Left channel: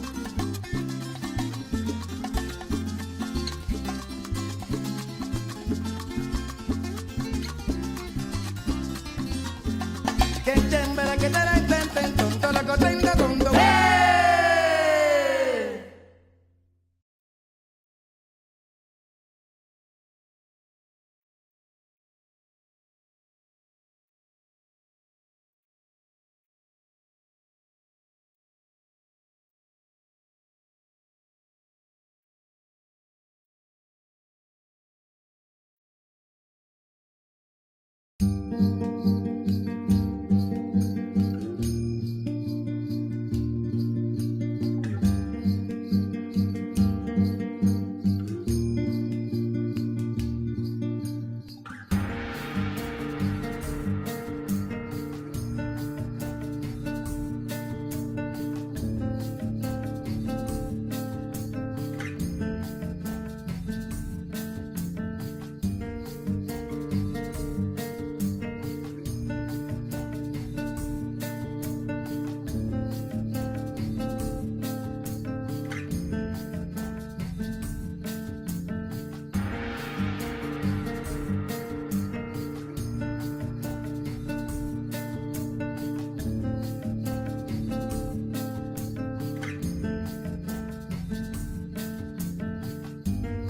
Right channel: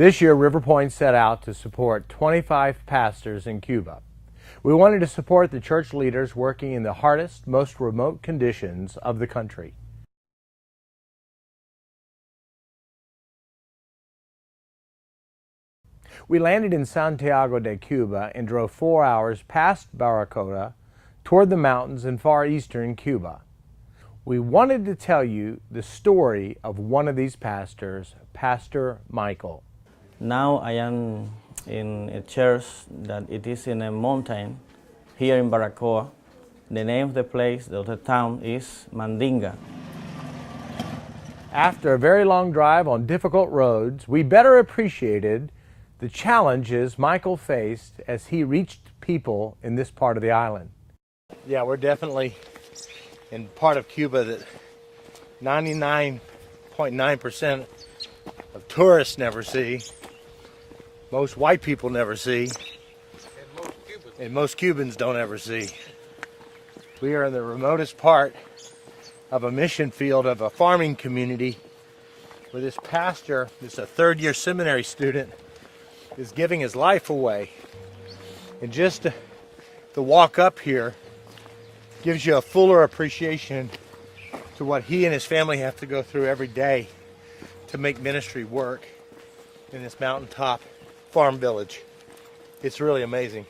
This year, River Point set out to support 25 pastors in Cuba. We wanted to support the church leaders working in the hardest, most remote conditions of the country. We landed in Santiago de Cuba and drove 4 hours past Barranquilla toward the mountains in far eastern Cuba. We wanted to tell you the story of one of these pastors, Pastor Michael. Now I am in a church that it is in a mountain here in Barranquilla. The name of the place, of the town, is Mandinga. After a very long drive on difficult roads, we better appreciated the challenges Michael faced as he reached people in this part of the island. Yeah, we're definitely in part of Cuba that 99.9% of tourists never see, most white people never see, and most Cubans don't ever see. We are in the remotest part of a mission field of a farming community where this pastor, who's a third-year seminary student, is giving his life away. And just to walk up here gives you a fuller appreciation to what he and his family have to go through every day to make ministry work in this mountaintop farm village. It's really amazing.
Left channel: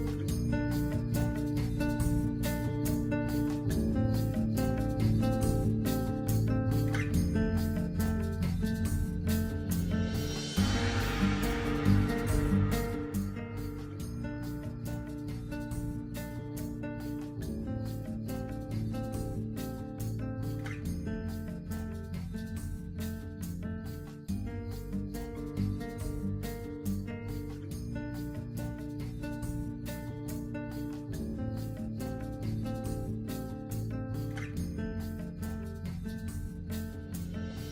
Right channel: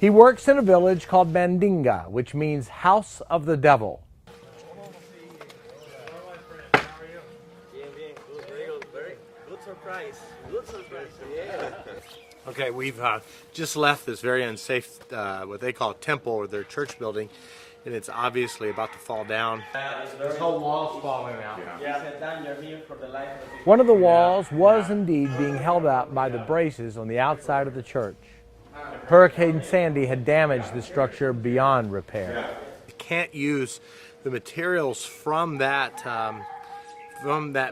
He works in a village called Mandinga, which means house of the devil. Okay, we've just left this very unsafe, what they call a temple or their church building, and it's obviously about to fall down. This whole wall's falling out. One of the walls was indeed being held up by the braces on the outside of the church. Hurricane Sandy had damaged the structure beyond repair. You can't use the materials from that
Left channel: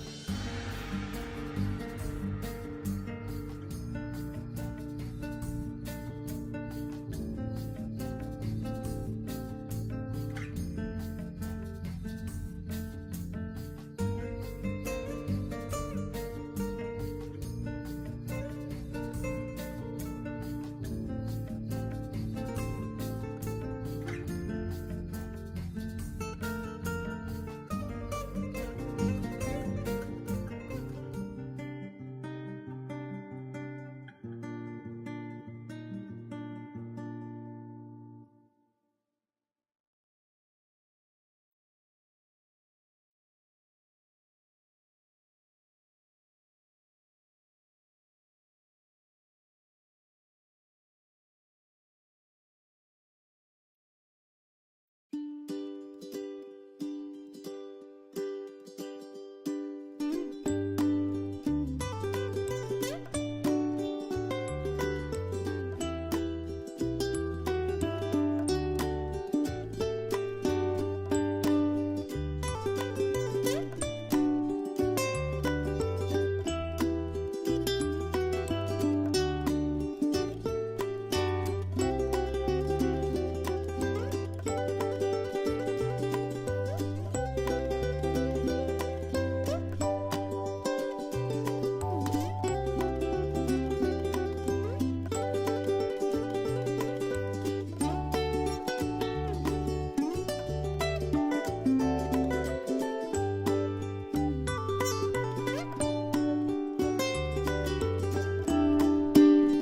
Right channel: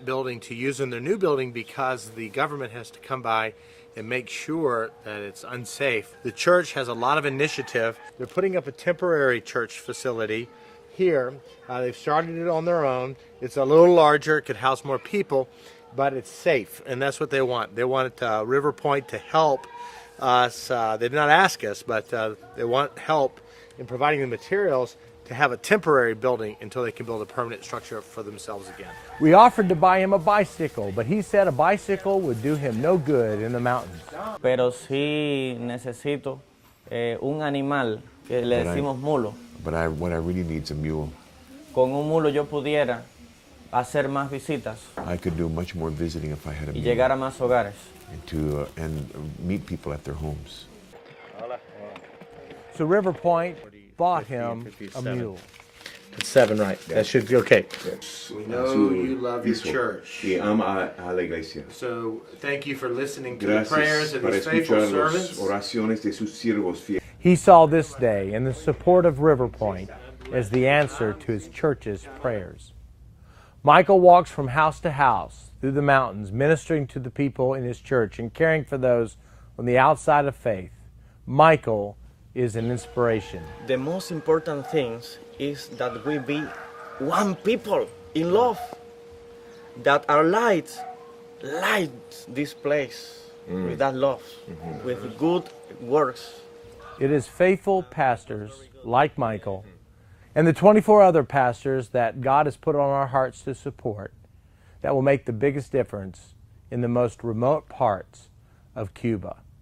building to use in their new building because the government has to come by and make sure that it's unsafe. The church has a lot of initiative. They're putting up a temporary church facility here. They've started it on their own. It's a little larger, it could house more people, but it's safe, and that's what they want. They want River Point to help us. They did not ask us, but they want help in providing the materials to have a temporary building until they can build a permanent structure for themselves again. We offered to buy him a bicycle, but he said a bicycle would do him no good in the mountains. Pero sí necesito un animal que le decimos mulo. But what I really need is a mule. Con un mulo yo pudiera hacer más visitas I could do much more visiting if I had a y mule. llegar a más hogares. And meet people at their homes. So River Point bought him a mule. It's 7, right? That should be okay. We know you love your church. Y ama a la iglesia. So thank you for listening to the Gracias prayers of para his faithful escuchar servants. las oraciones de sus siervos fieles. He saw this day and the support of River Point as the answer to his church's prayers. Michael walks from house to house through the mountains, ministering to the people in his church and caring for those on the outside of faith. Michael is an inspiration. The most important thing is that we be one people in love, that our light this place with that love, with good works. It is faithful pastors like Michael and the 24 other pastors that God has put on our hearts to support that will make the biggest difference in the most remote parts of Cuba.